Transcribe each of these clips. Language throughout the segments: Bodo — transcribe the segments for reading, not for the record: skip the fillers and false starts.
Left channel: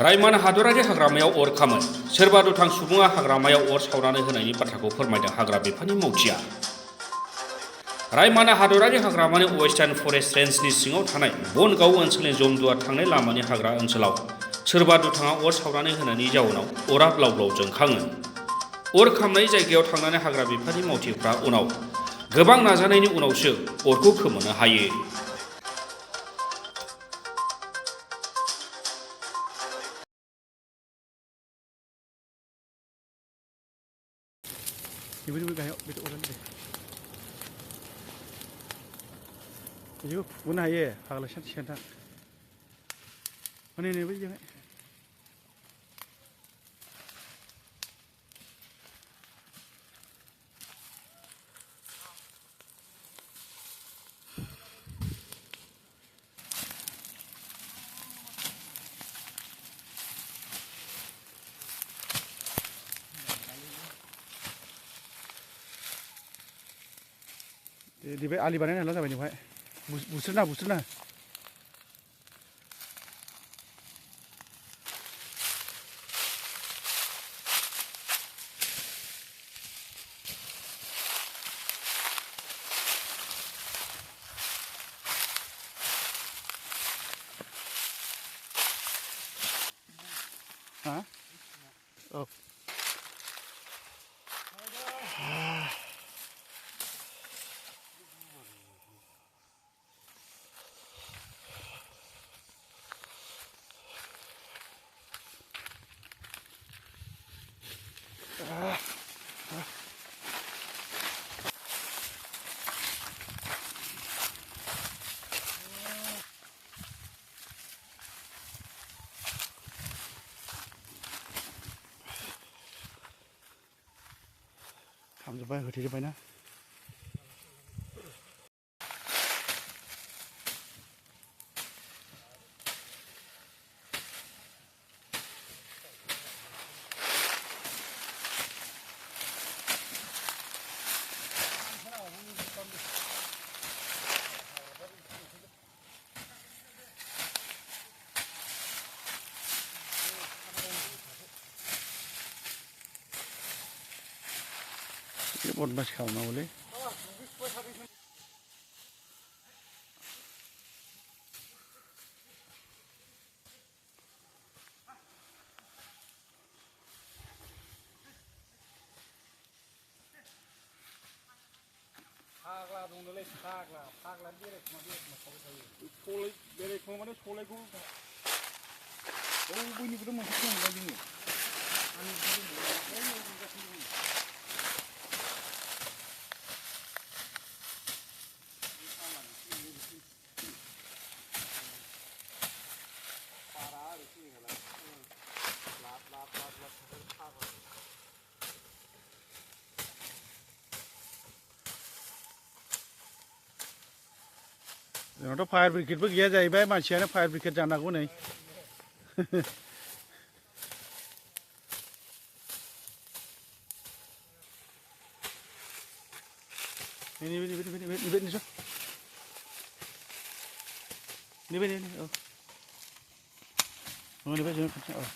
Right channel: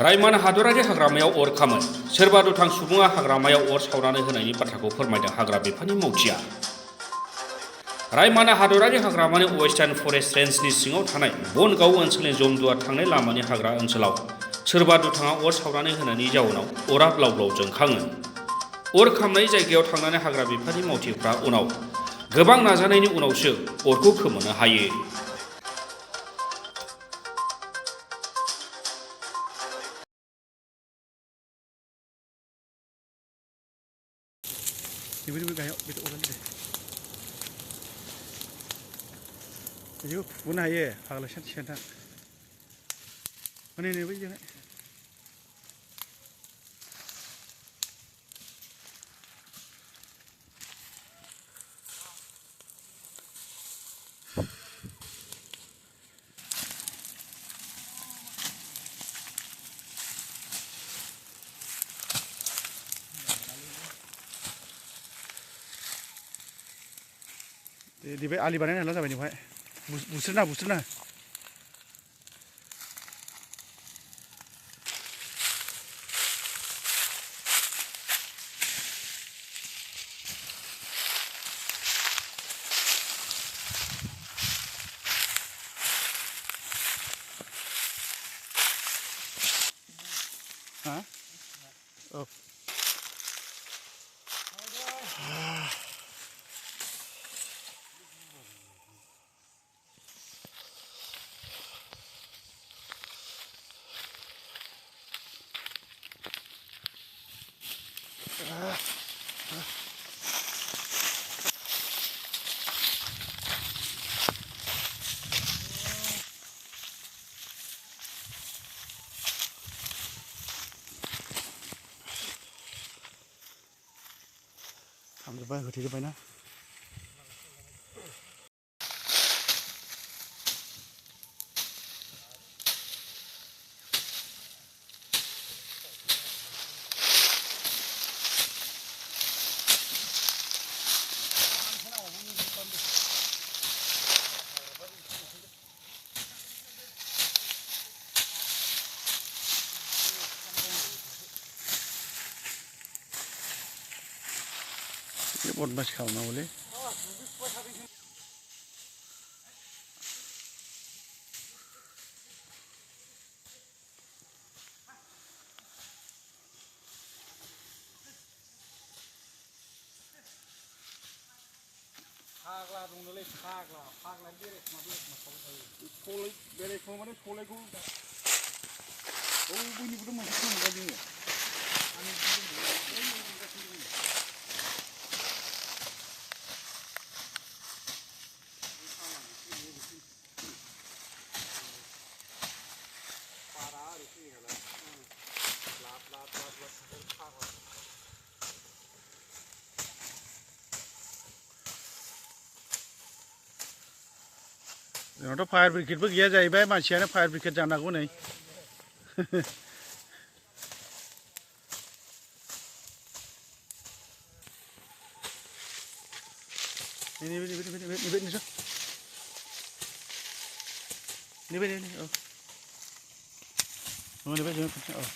रायमान हादरारि हाग्रामायाव अर खामो सोरबा दुथां सुबुङा हाग्रामायाव अर सावनानै होनायनि बाथ्राखौ फोरमायदों हाग्रा बिफाननि मावथिआ। रायमान हादरारि हाग्रामानि वेस्टार्न फरेस्ट रेन्जनि सिङाव थानाय बनगाव ओनसोलनि जमदुवार थांनाय लामानि हाग्रा ओनसोलाव सोरबा दुथाङा अर सावनानै होनायनि जाउनाव अरा ब्लाव ब्लाव जोंखाङो। अर खामनाय जायगायाव थांनानै हाग्रा बिफाननि मावथिफ्रा उनाव गोबां नाजानायनि उनावसो अरखौ खोमोरनो हायो। Ibu gayo betul orang deh. Ibu pun aye, kalau sentak. Mana ni ibu jangan. Di bawah ali banan lah sampai ni, busur na. Hah? Oh. Sampai ke titik mana? Buat mas kau nak boleh? Itu fire brigade pun dia jadi, baik macamnya fire brigade jangan aku nih. Ini, oh. Oh, ini jangan, oh.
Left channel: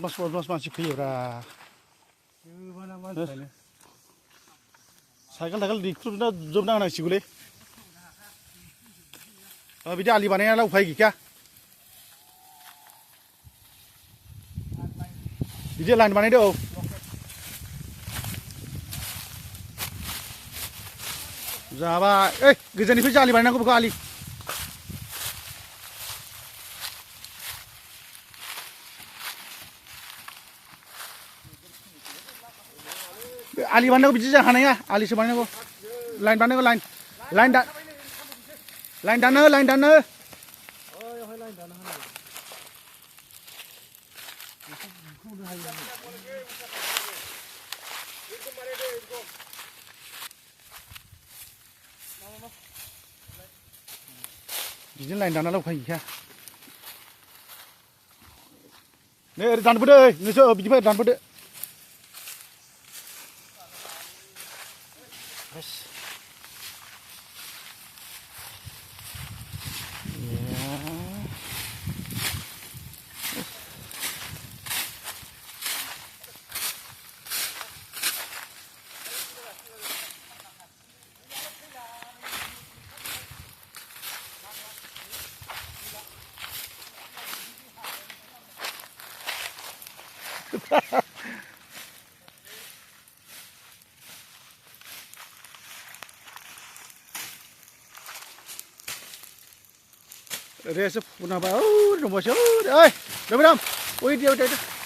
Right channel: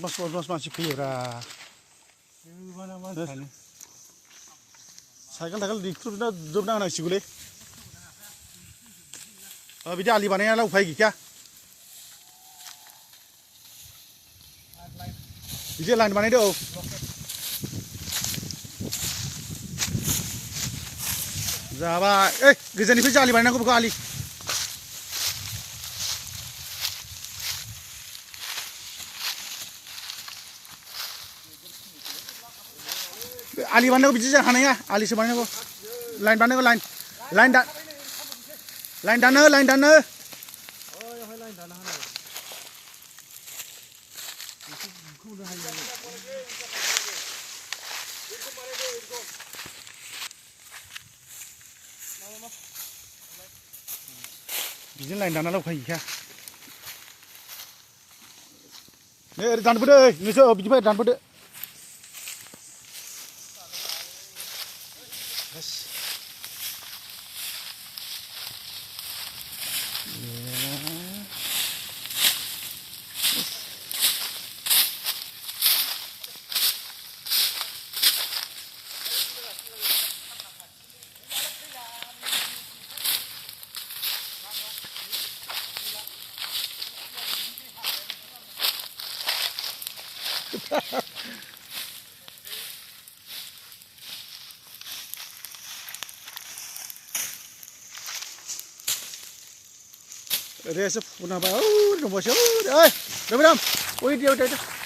Bos masih pira. Cycle di klub na job na nasi gule. Bida ali banaya la upai kya? Bida line banaya do. Zaba, gizani fi ali banaya ko buka ali. Ali mana ko biji jangan ya, ali sebenarnya ko line mana ko line dana. Oh, line dana. बिदिनो लाइन दाना लावखायो नै ओरै दानबोदो नोंसो बिदिफ्राय दानबोदो Resa puna ba, oh, nomor siapa? Eh, berapa? Oh, dia.